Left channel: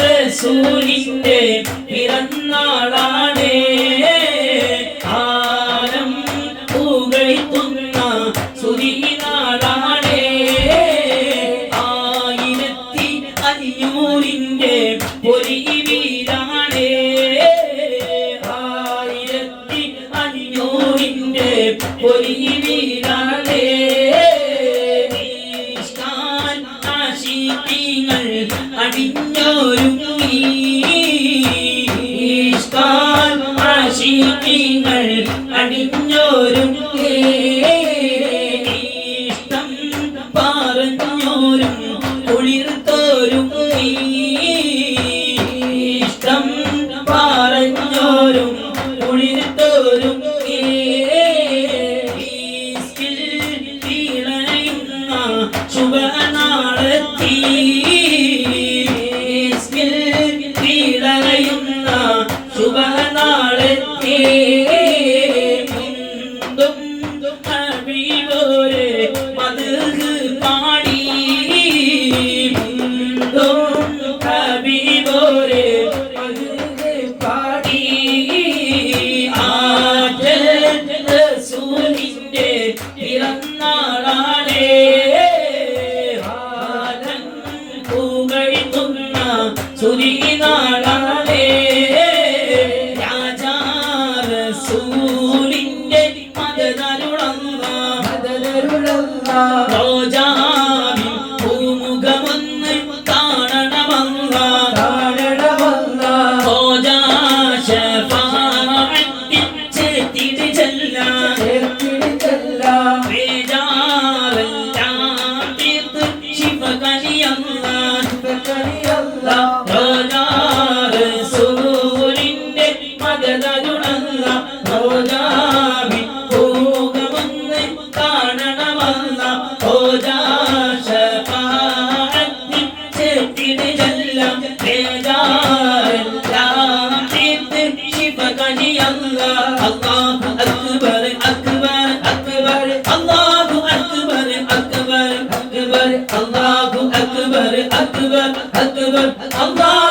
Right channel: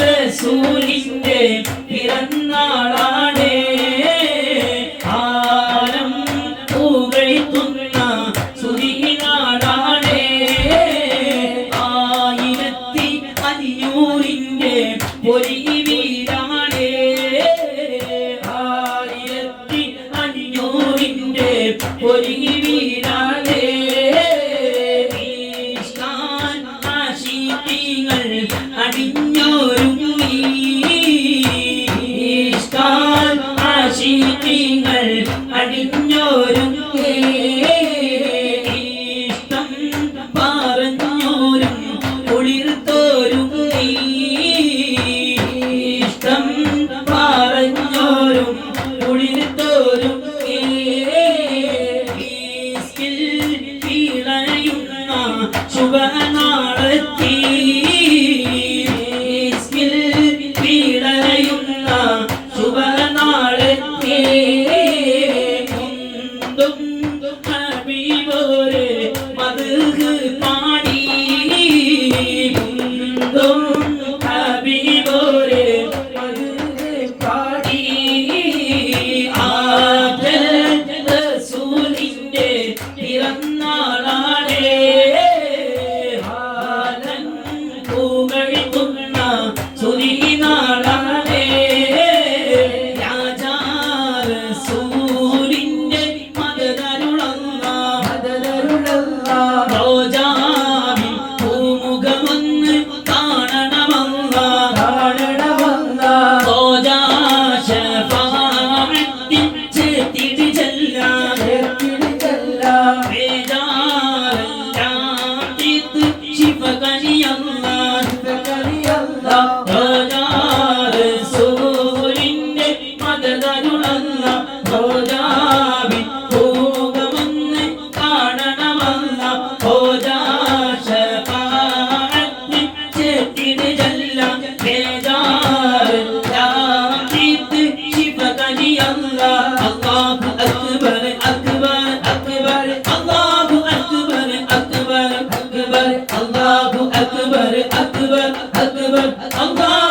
റസൂലിന്റെ പിറന്നാളാണ് ആലം പുകഴ്ത്തുന്ന സുരിനാളാണ് 1500ന്റെ പൊലിവീരാണ് 1500ന്റെ പൊലിവീരാണ് അടിഞ്ഞോരുങ്ങി ആശിഖീങ്ങൾ അടിഞ്ഞോരുങ്ങി ഇഷ്ടം പറഞ്ഞോരും കുളിർത്തോരുങ്ങി ഇഷ്ടം പറഞ്ഞോരും കുളിർത്തോരുങ്ങി ഇളയുന്ന ശുഭനാളത്തി ശുഭനാളത്തെ മുന്തും ഹബീബോരെ മദ്ഹ് പാടി മുന്തും ഹബീബോരെ മദ്ഹ് പാടി റസൂലിന്റെ പിറന്നാളാണ് ആലം പുകഴ്ത്തുന്ന സുരിനാളാണ് റസൂലിന്റെ മദദരുളന്ന റോജാവിൻ പൂമുഖമൊന്ന് കാണണമല്ല റോജാ ശഫാഅത്തിൽ ചേർത്തിട് ചെല്ലാൻ വേജാറെല്ലാം തീർത്ത് ശിഫകനിയല്ല റോജാ റസൂലിന്റെ മദദരുളന്ന റോജാവിൻ പൂമുഖമൊന്ന് കാണണമല്ല റോജാ ശഫാഅത്തിൽ ചേർത്തിട് ചെല്ലാം വേജാറെല്ലാം തീർത്ത് ശിഫകനിയല്ല അല്ലാഹു അക്ബർ അക്ബർ അക്ബർ അല്ലാഹു അക്ബർ അക്ബർ അക്ബർ അല്ലാഹു അക്ബർ അക്ബർ അക്ബർ അല്ലാഹു